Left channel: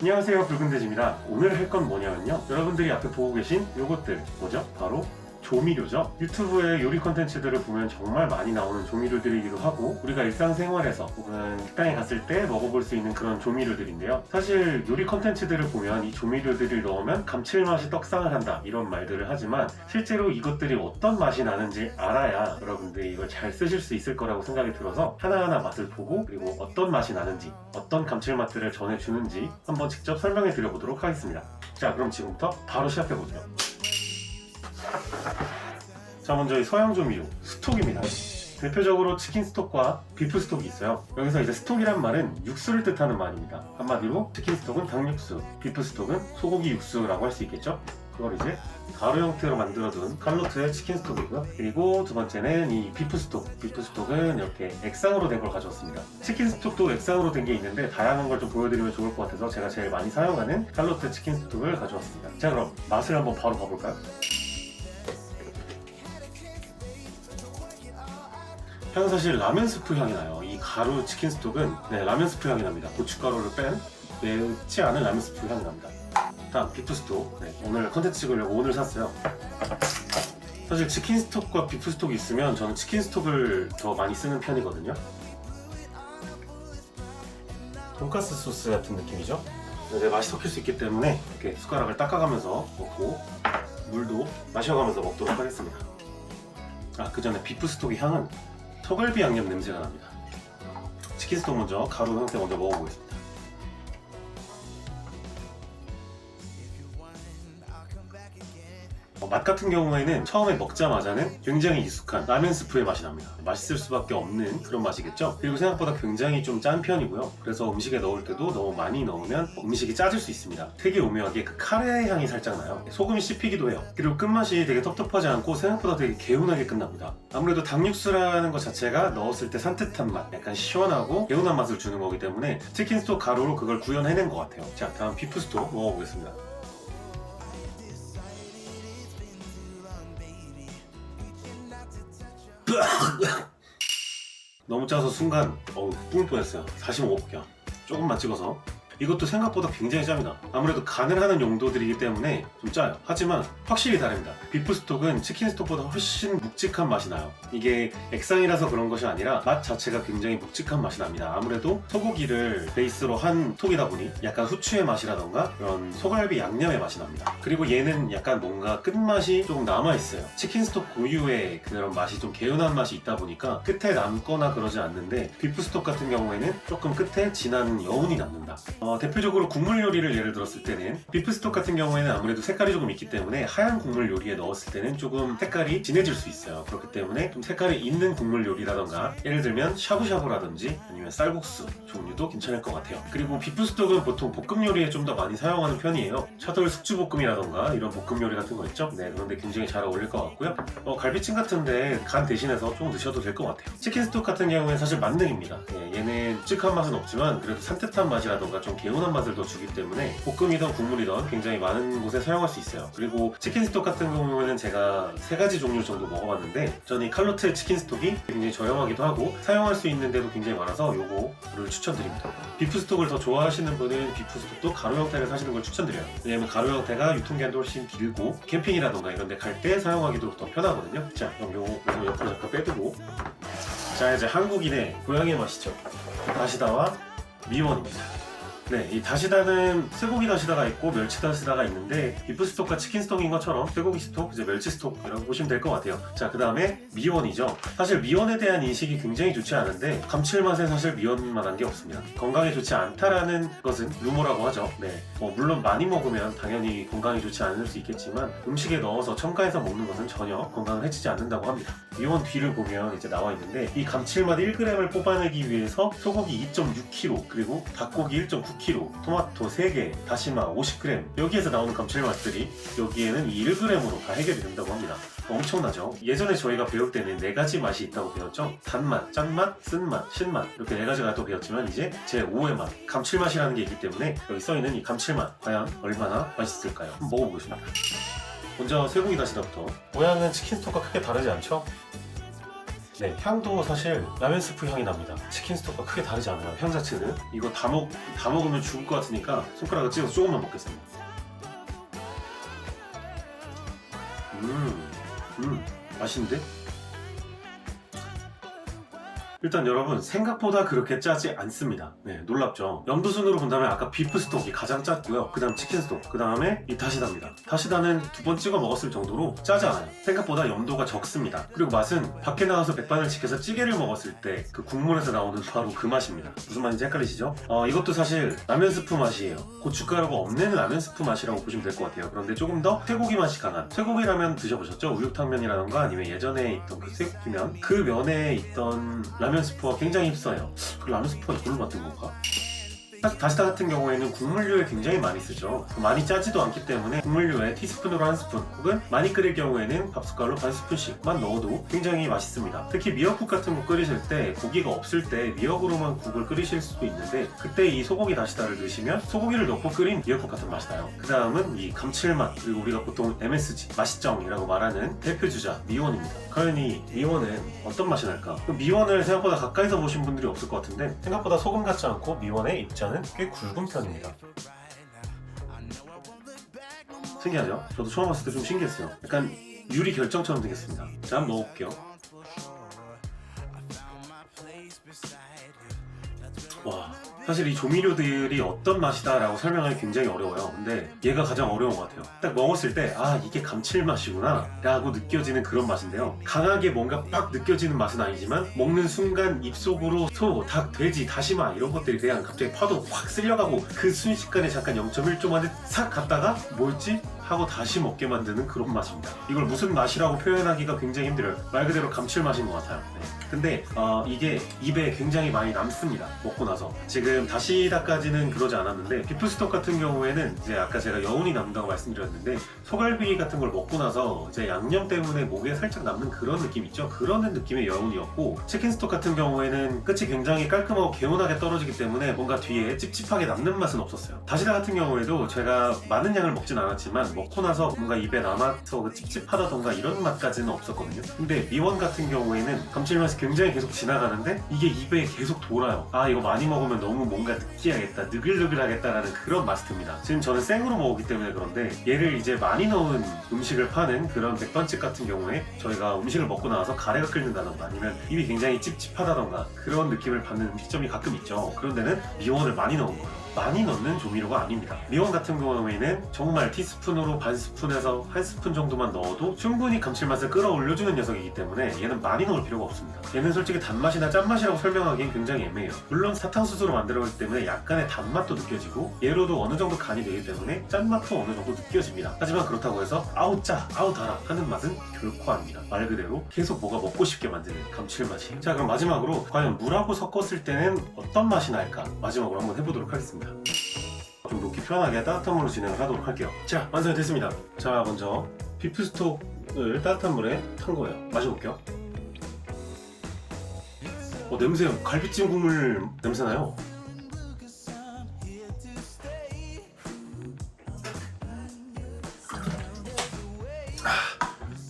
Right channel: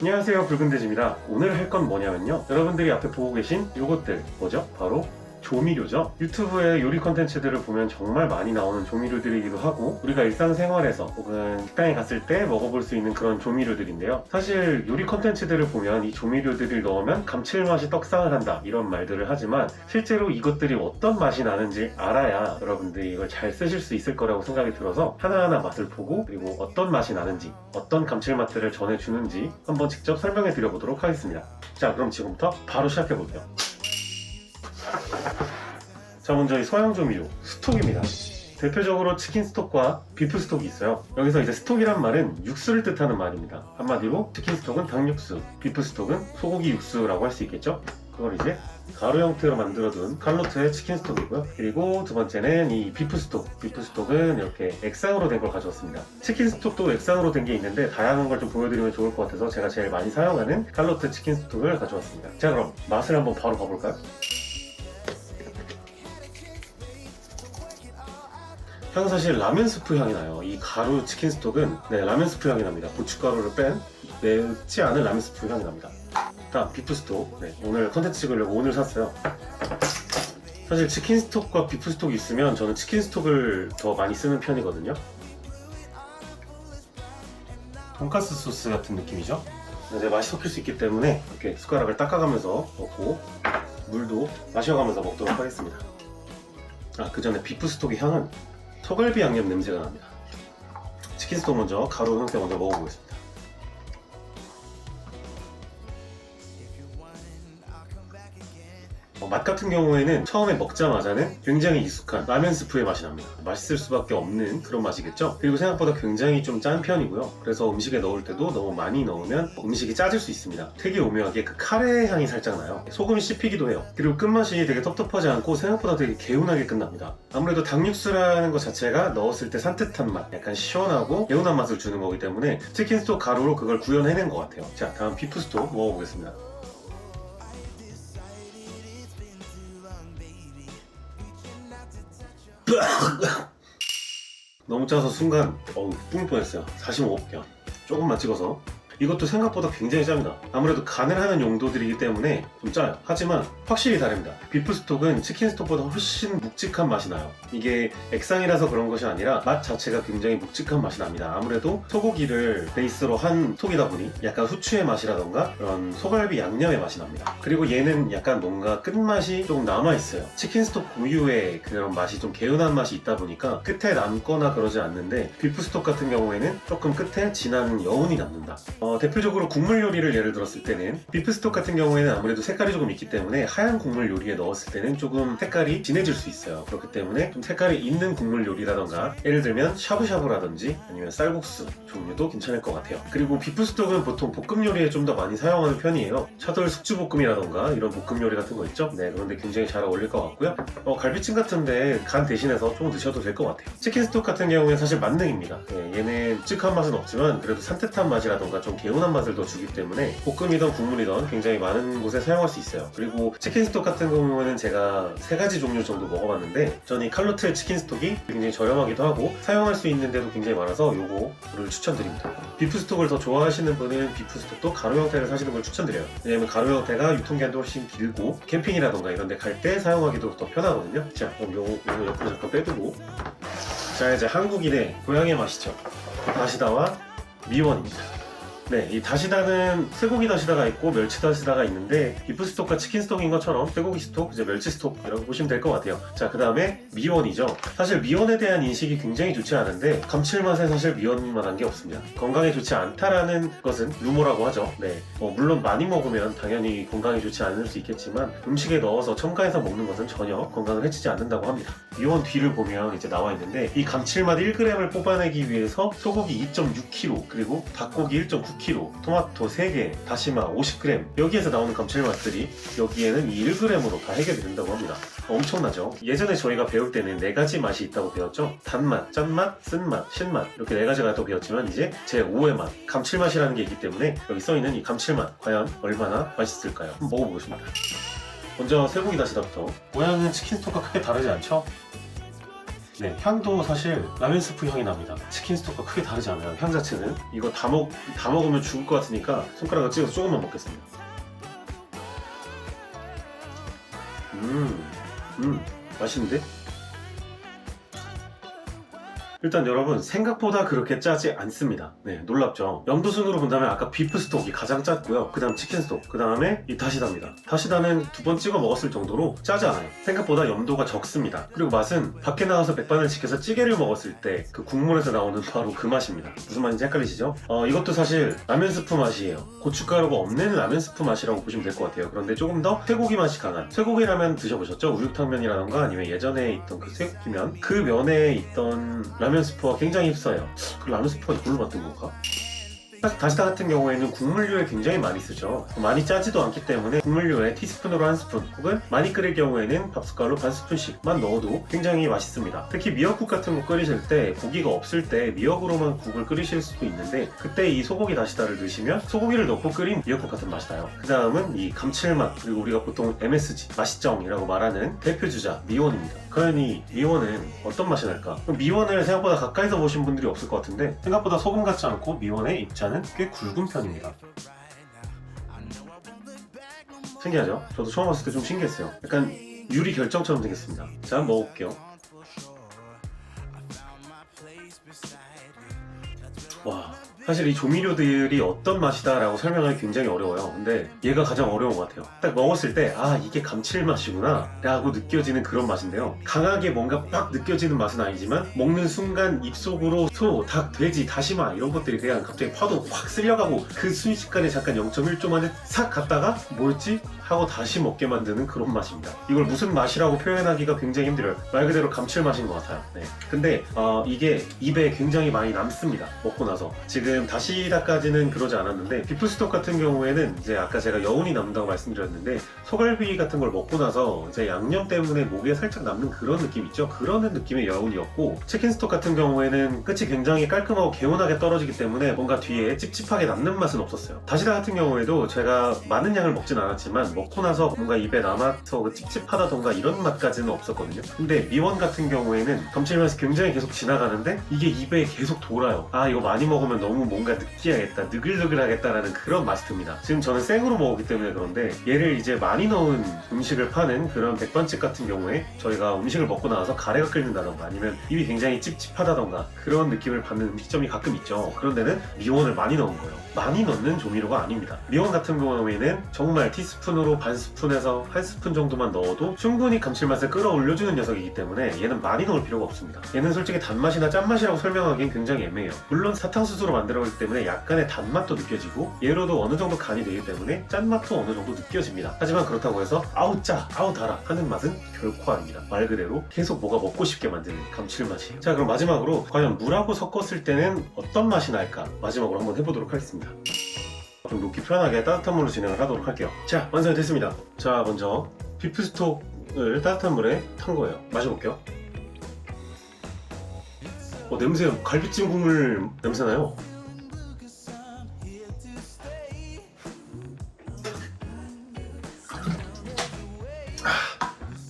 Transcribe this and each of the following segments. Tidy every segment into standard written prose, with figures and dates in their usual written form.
안녕하세요, 붉은돼지입니다. 오늘 할 건 뭐냐면요, 여러분들이 앞에 보고 계신 요것들 뭐죠? 바로 조미료죠. 유튜브의 요리 컨텐츠들을 보면 정말 많이 나오는 조미료들이기도 하고, 우리가 일상생활에서 혹은 식당에 갔을 때 먹어볼 수 있는 그런 조미료들인데요. 사실 요리 컨텐츠들을 보면 이 조미료들을 넣으면 감칠맛이 떡상을 한다 이런 말들을 하지만, 실제로 이것들이 어떤 맛이 나는지 알아야 여러분들이 이걸 잘 쓰실 수 있을 거라고 생각이 들어서 하나하나 맛을 보고, 그리고 어떤 맛이 나는지, 어떤 감칠맛들을 전해주는지 한번 직접 설명해 드려보도록 하겠습니다. 자, 그럼 지금부터 바로 시작해보세요. 자, 먼저 이 서양 조미료 스톡입니다. 대표적으로 치킨 스톡과 비프 스톡이 있어요. 여기서 이제 스톡이란 말은 육수를 뜻하는 말입니다. 한마디로 치킨 스톡은 닭육수, 비프 스톡은 소고기 육수라고 할 수 있겠죠. 그걸 이제 가루 형태로 만들어둔 칼로트의 치킨 스톡이고요. 그리고 두 번째는 이 비프 스톡. 비프 스톡은 이렇게 액상으로 된 걸 가져왔습니다. 치킨 스톡도 액상으로 된 게 있는데 다양한 걸 좀 보여드리면 좋을 것 같아서 제가 제일 많이 사용하는 칼로트 치킨 스톡을 가져왔습니다. 자, 그럼 맛을 한번 바로 봐볼까요? 향은 사실 라면 스프 향이 나요. 이 가루 치킨 스톡은 라면 스프 향이 납니다. 고춧가루를 뺀 맵지 않은 라면 스프 향이 납니다. 다음 비프 스톡. 오늘 컨텐츠 찍으려고 오늘 샀어요. 사실 치킨 스톡과 비프 스톡이 있으면 저는 치킨 스톡을 더 많이 쓰는 편이거든요. 돈가스 소스 같은 느낌이죠. 이제 맛이 섞일 수 있기 때문에 이렇게 숟가락을 닦아가면서 먹고, 물도 마셔가면서 먹도록 하겠습니다. 그 전에 비프 스톡의 향은 소갈비 양념 냄새가 납니다. 치킨 스톡 먼저 가루 형태 먼저 먹어보겠습니다. 맛 같은 경우에는 처음에 먹자마자는 굉장히 익숙한 라면 스프의 맛이 납니다. 맛있을 수밖에 없는 그런 맛이겠죠. 그리고 생각보다 굉장히 좀 짠 편이고요. 그래서 음식에 넣을 때도 너무 많이 넣으면 음식이 짜질 수 있습니다. 되게 오묘하게 그 카레 향이 살짝 나요. 소금이 씹히기도 해요. 그리고 끝맛이 되게 텁텁하지 않고 생각보다 되게 개운하게 끝납니다. 아무래도 닭육수라는 것 자체가 넣었을 때 산뜻한 맛, 약간 시원하고 개운한 맛을 주는 거기 때문에 치킨 스톡 가루로 그걸 구현해낸 것 같아요. 자, 다음 비프 스톡 먹어보겠습니다. 너무 짜서 순간 뿜을 뻔했어요. 다시 먹어볼게요. 조금만 찍어서. 이것도 생각보다 굉장히 짭니다. 아무래도 간을 하는 용도들이기 때문에 좀 짜요. 하지만 확실히 다릅니다. 비프 스톡은 치킨 스톡보다 훨씬 묵직한 맛이 나요. 이게 액상이라서 그런 것이 아니라 맛 자체가 굉장히 묵직한 맛이 납니다. 아무래도 소고기를 베이스로 한 스톡이다 보니 약간 후추의 맛이라던가 그런 소갈비 양념의 맛이 납니다. 그리고 얘는 약간 뭔가 끝맛이 좀 남아있어요. 치킨 스톡 고유의 그런 맛이 좀 개운한 맛이 있다 보니까 끝에 남거나 그러지 않는데, 비프 스톡 같은 경우에는 조금 끝에 진한 여운이 남는다. 대표적으로 국물 요리를 예를 들었을 때는 비프 스톡 같은 경우에는 아무래도 색깔이 조금 있기 때문에 하얀 국물 요리에 넣었을 때는 조금 색깔이 진해질 수 있어요. 그렇기 때문에 좀 색깔이 있는 국물 요리라던가, 예를 들면 샤브샤브라든지 아니면 쌀국수 종류도 괜찮을 것 같아요. 그리고 비프 스톡은 보통 볶음 요리에 좀 더 많이 사용하는 편이에요. 차돌 숙주볶음이라던가 이런 볶음 요리 같은 거 있죠? 그런데 굉장히 잘 어울릴 것 같고요. 갈비찜 같은데 간 대신해서 좀 드셔도 될 것 같아요. 치킨 스톡 같은 경우에는 사실 만능입니다. 얘는 묵직한 맛은 없지만 그래도 산뜻한 맛이라던가 좀 개운한 맛을 더 주기 때문에 볶음이든 국물이든 굉장히 많은 곳에 사용할 수 있어요. 그리고 치킨 스톡 같은 경우에는 제가 3가지 종류 정도 먹어봤는데, 저는 이 칼로트의 치킨 스톡이 굉장히 저렴하기도 하고 사용할 수 있는 데도 굉장히 많아서 요거를 추천드립니다. 비프 스톡을 더 좋아하시는 분은 비프 스톡도 가루 형태를 사시는 걸 추천드려요. 왜냐면 가루 형태가 유통기한도 훨씬 길고 캠핑이라던가 이런 데 갈 때 사용하기도 더 편하거든요. 자, 그럼 요거 옆으로 잠깐 빼두고, 자, 이제 한국인의 고향의 맛이죠. 다시다와 미원입니다. 이 다시다는 쇠고기 다시다가 있고 멸치 다시다가 있는데, 비프 스톡과 치킨 스톡인 것처럼 쇠고기 스톡, 이제 멸치 스톡이라고 보시면 될 것 같아요. 자, 그 다음에 미원이죠. 사실 미원에 대한 인식이 굉장히 좋지 않은데, 감칠맛에 사실 미원만한 게 없습니다. 건강에 좋지 않다라는 것은 루머라고 하죠. 물론 많이 먹으면 당연히 건강에 좋지 않을 수 있겠지만, 음식에 넣어서 첨가해서 먹는 것은 전혀 건강을 해치지 않는다고 합니다. 미원 뒤를 보면 이제 나와 있는데, 이 감칠맛 1g을 뽑아내기 위해서 소고기 2.6kg, 그리고 닭고기 1.9kg, 토마토 3개, 다시마 50g, 여기에서 나오는 감칠맛들이 여기에는 이 1g으로 다 해결이 된다고 합니다. 엄청나죠? 예전에 저희가 배울 때는 4가지 맛이 있다고 배웠죠? 단맛, 짠맛, 쓴맛, 신맛, 이렇게 4가지가 또 배웠지만, 이제 제5의 맛, 감칠맛이라는 게 있기 때문에 여기 써있는 이 감칠맛 과연 얼마나 맛있을까요? 한번 먹어보겠습니다. 먼저 쇠고기 다시다부터. 모양은 치킨 스톡과 크게 다르지 않죠? 네, 향도 사실 라면 스프 향이 납니다. 치킨 스톡과 크게 다르지 않아요. 향 자체는. 이거 다 먹으면 죽을 것 같으니까 손가락을 찍어서 조금만 먹겠습니다. 맛있는데? 일단 여러분 생각보다 그렇게 짜지 않습니다. 네, 놀랍죠? 염도순으로 본다면 아까 비프 스톡이 가장 짰고요. 그 다음 치킨 스톡, 그 다음에 이 다시다입니다. 다시다는 2번 찍어 먹었을 정도로 짜지 않아요. 생각보다 염도가 적습니다. 그리고 맛은 밖에 나가서 백반을 지켜서 찌개를 먹었을 때 그 국물에서 나오는 바로 그 맛입니다. 무슨 맛인지 헷갈리시죠? 이것도 사실 라면 스프 맛이에요. 고춧가루가 없는 라면 스프 맛이라고 보시면 될 것 같아요. 그런데 조금 더 쇠고기 맛이 강한, 쇠고기 라면 드셔보셨죠? 우육탕면이라던가 아니면 예전에 있던 그 쇠고기면, 그 면에 있던 라면 스프가 굉장히 흡사해요. 그 라면 스프가 이걸로 만든 건가? 다시다 같은 경우에는 국물류에 굉장히 많이 쓰죠. 많이 짜지도 않기 때문에 국물류에 티스푼으로 한 스푼 혹은 많이 끓일 경우에는 밥숟갈로 반 스푼씩만 넣어도 굉장히 맛있습니다. 특히 미역국 같은 거 끓이실 때 고기가 없을 때 미역으로만 국을 끓이실 수도 있는데 그때 이 소고기 다시다를 넣으시면 소고기를 넣고 끓인 미역국 같은 맛이 나요. 그 다음은 이 감칠맛, 그리고 우리가 보통 MSG, 맛있정이라고 말하는 대표주자 미원입니다. 과연 이 미원은 어떤 맛이 날까? 미원을 생각보다 가까이서 보신 분들이 없을 것 같은데 생각보다 소금 같지 않고 미원의 입자는 꽤 굵은 편입니다. 신기하죠? 저도 처음 봤을 때 좀 신기했어요. 약간 유리 결정처럼 생겼습니다. 자, 한번 먹어볼게요. 와, 사실 이 조미료들이 어떤 맛이다 라고 설명하기 굉장히 어려워요. 근데 얘가 가장 어려운 것 같아요. 딱 먹었을 때 이게 감칠맛이구나 라고 느껴지는 그런 맛인데요. 강하게 뭔가 빡 느껴지는 맛은 아니지만 먹는 순간 입속으로 소, 닭, 돼지, 다시마 이런 것들이 그냥 갑자기 파도 확 쓸려가고 그 순식간에 잠깐 0.1초 만에 싹 갔다가 뭐였지? 하고 다시 먹게 만드는 그런 맛입니다. 이걸 무슨 맛이라고 표현하기가 굉장히 힘들어요. 말 그대로 감칠맛인 것 같아요. 네. 근데 이게 입에 굉장히 많이 남습니다. 먹고 나서. 지금 다시다까지는 그러지 않았는데 비프스톡 같은 경우에는 이제 아까 제가 여운이 남는다고 말씀드렸는데 소갈비 같은 걸 먹고 나서 이제 양념 때문에 목에 살짝 남는 그런 느낌 있죠? 그런 느낌의 여운이었고 치킨스톡 같은 경우에는 끝이 굉장히 깔끔하고 개운하게 떨어지기 때문에 뭔가 뒤에 찝찝하게 남는 맛은 없었어요. 다시다 같은 경우에도 제가 많은 양을 먹진 않았지만 먹고 나서 뭔가 입에 남아서 그 찝찝하다던가 이런 맛까지는 없었거든요. 근데 미원 같은 경우에는 감칠맛이 굉장히 계속 지나가는데 이게 입에 계속 돌아요. 이거 많이 먹으면 너무 뭔가 느끼하겠다, 느글느글하겠다라는 그런 맛이 듭니다. 지금 저는 생으로 먹었기 때문에 그런데 얘를 이제 많이 넣은 음식을 파는 그런 백반집 같은 경우에 저희가 음식을 먹고 나와서 가래가 끓는다던가 아니면 입이 굉장히 찝찝하다던가 그런 느낌을 받는 음식점이 가끔 있죠. 그런 데는 미원을 많이 넣은 거예요. 많이 넣는 조미료가 아닙니다. 미원 같은 경우에는 정말 티스푼으로 반 스푼에서 한 스푼 정도만 넣어도 충분히 감칠맛을 끌어올려주는 녀석이기 때문에 얘는 많이 넣을 필요가 없습니다. 얘는 솔직히 단맛이나 짠맛이라고 설명하기엔 굉장히 애매해요. 물론 사탕수수로 만들어졌기 때문에 약간의 단맛도 느껴지고 얘로도 어느 정도 간이 되기 때문에 짠맛도 어느 정도 느껴집니다. 하지만 그렇다고 해서 아우 짜, 아우 달아 하는 맛은 결코 아닙니다. 말 그대로 계속 뭐가 먹고 싶게 만드는 감칠맛이. 자, 그럼 마지막으로 과연 물하고 섞었을 때는 어떤 맛이 날까 마지막으로 한번 해보도록 하겠습니다. 좀 녹기 편하게 따뜻한 물로 진행을 하도록 할게요. 자, 완성이 됐습니다. 자, 먼저 비프스톡을 따뜻한 물에 탄 거예요. 마셔볼게요. 냄새, 갈비찜 국물 냄새나요?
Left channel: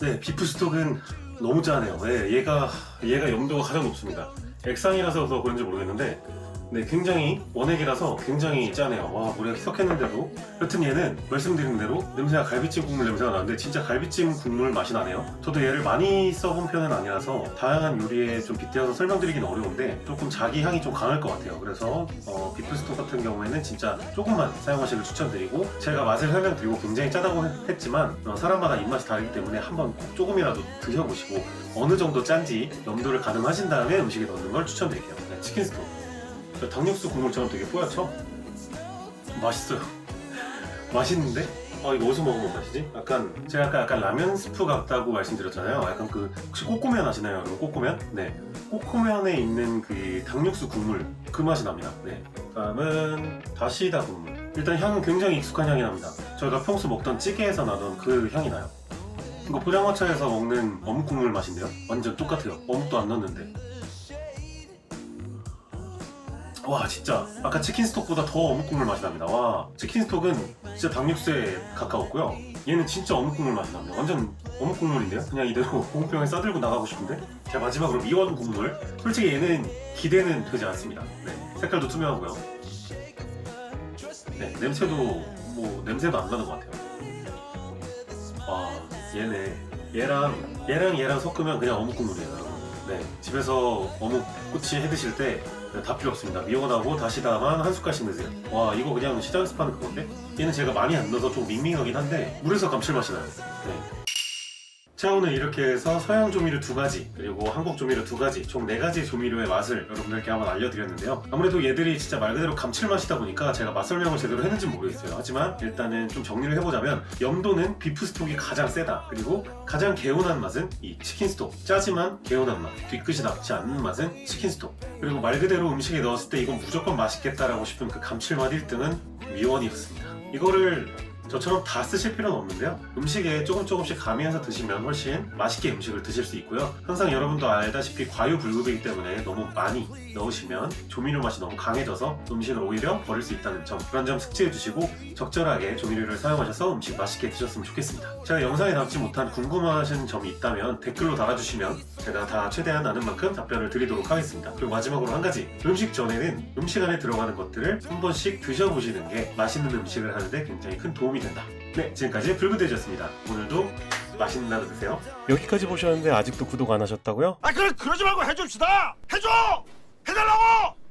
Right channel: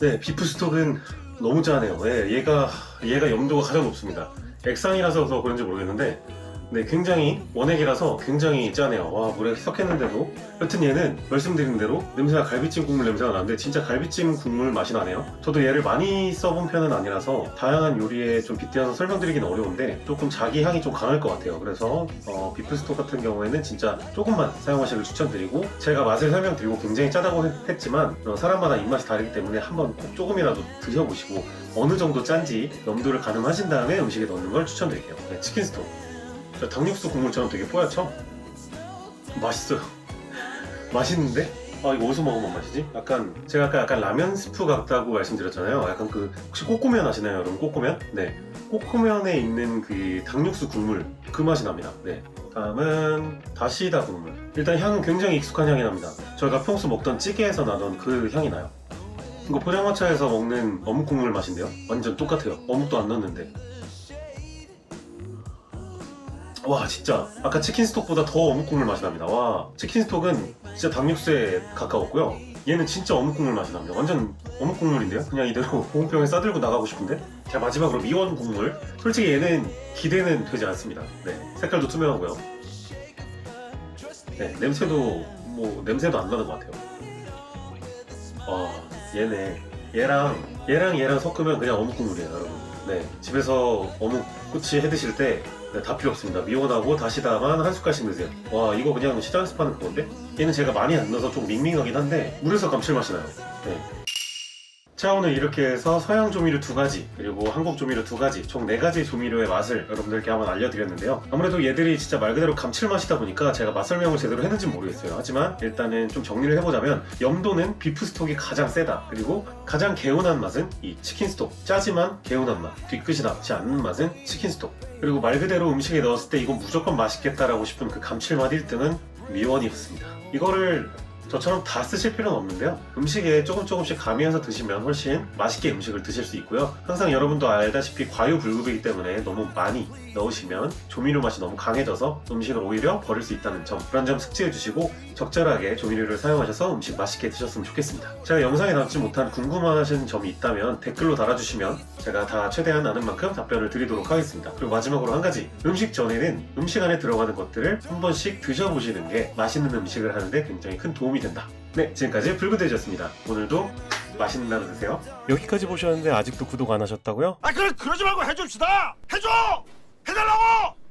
네, 비프스톡은 너무 짜네요. 네, 얘가 염도가 가장 높습니다. 액상이라서 그런지 모르겠는데 네, 굉장히 원액이라서 굉장히 짜네요. 와, 물에 섞였는데도. 여튼 얘는 말씀드린 대로 냄새가 갈비찜 국물 냄새가 나는데 진짜 갈비찜 국물 맛이 나네요. 저도 얘를 많이 써본 편은 아니라서 다양한 요리에 좀 빗대어서 설명드리긴 어려운데 조금 자기 향이 좀 강할 것 같아요. 그래서 비프스톡 같은 경우에는 진짜 조금만 사용하시길 추천드리고 제가 맛을 설명드리고 굉장히 짜다고 했지만 사람마다 입맛이 다르기 때문에 한번 꼭 조금이라도 드셔보시고 어느 정도 짠지 염도를 가늠하신 다음에 음식에 넣는 걸 추천드릴게요. 네, 치킨스톡. 닭육수 국물처럼 되게 뽀얗죠? 맛있어요. 맛있는데? 이거 어디서 먹어본 맛이지? 제가 아까 약간 라면 스프 같다고 말씀드렸잖아요. 약간 혹시 꼬꼬면 아시나요, 여러분? 꼬꼬면? 네. 꼬꼬면에 있는 그 닭육수 국물, 그 맛이 납니다. 네. 다음은 다시다 국물. 일단 향은 굉장히 익숙한 향이 납니다. 저희가 평소 먹던 찌개에서 나던 그 향이 나요. 이거 포장마차에서 먹는 어묵 국물 맛인데요? 완전 똑같아요. 어묵도 안 넣었는데. 와 진짜 아까 치킨 스톡보다 더 어묵 국물 맛이 납니다. 와 치킨 스톡은 진짜 닭육수에 가까웠고요. 얘는 진짜 어묵 국물 맛이 납니다. 완전 어묵 국물인데요. 그냥 이대로 보온병에 싸들고 나가고 싶은데. 자 마지막으로 미원 국물. 솔직히 얘는 기대는 되지 않습니다. 네 색깔도 투명하고요. 네 냄새도 뭐 냄새도 안 나는 것 같아요. 아 얘랑 섞으면 그냥 어묵 국물이에요 여러분. 네 집에서 어묵 꼬치 해 드실 때 다 필요 없습니다. 미원하고 다시다만 한 숟갈씩 넣으세요. 와 이거 그냥 시장에서 파는 그건데? 얘는 제가 많이 안 넣어서 좀 밍밍하긴 한데 물에서 감칠맛이 나요. 네. 자 오늘 이렇게 해서 서양 조미료 2가지 그리고 한국 조미료 2가지 총 4가지 조미료의 맛을 여러분들께 한번 알려드렸는데요. 아무래도 얘들이 진짜 말 그대로 감칠맛이다 보니까 제가 맛 설명을 제대로 했는지 모르겠어요. 하지만 일단은 좀 정리를 해보자면 염도는 비프 스톡이 가장 세다. 그리고 가장 개운한 맛은 이 치킨 스톡. 짜지만 개운한 맛. 뒤끝이 나지 않는 맛은 치킨 스톡. 그리고 말 그대로 음식에 넣었을 때 이건 무조건 맛있겠다라고 싶은 그 감칠맛 1등은 미원이었습니다. 이거를 저처럼 다 쓰실 필요는 없는데요. 음식에 조금씩 가미해서 드시면 훨씬 맛있게 음식을 드실 수 있고요. 항상 여러분도 알다시피 과유불급이기 때문에 너무 많이 넣으시면 조미료 맛이 너무 강해져서 음식을 오히려 버릴 수 있다는 점, 그런 점 숙지해 주시고 적절하게 조미료를 사용하셔서 음식 맛있게 드셨으면 좋겠습니다. 제가 영상에 담지 못한 궁금하신 점이 있다면 댓글로 달아주시면 제가 다 최대한 아는 만큼 답변을 드리도록 하겠습니다. 그리고 마지막으로 한 가지, 음식 전에는 음식 안에 들어가는 것들을 한 번씩 드셔보시는 게 맛있는 음식을 하는데 굉장히 큰 도움이 된다. 네, 지금까지 불구돼지였습니다. 오늘도 맛있는 하루 되세요. 여기까지 보셨는데 아직도 구독 안 하셨다고요? 그러지 말고 해줍시다. 해줘. 해달라고.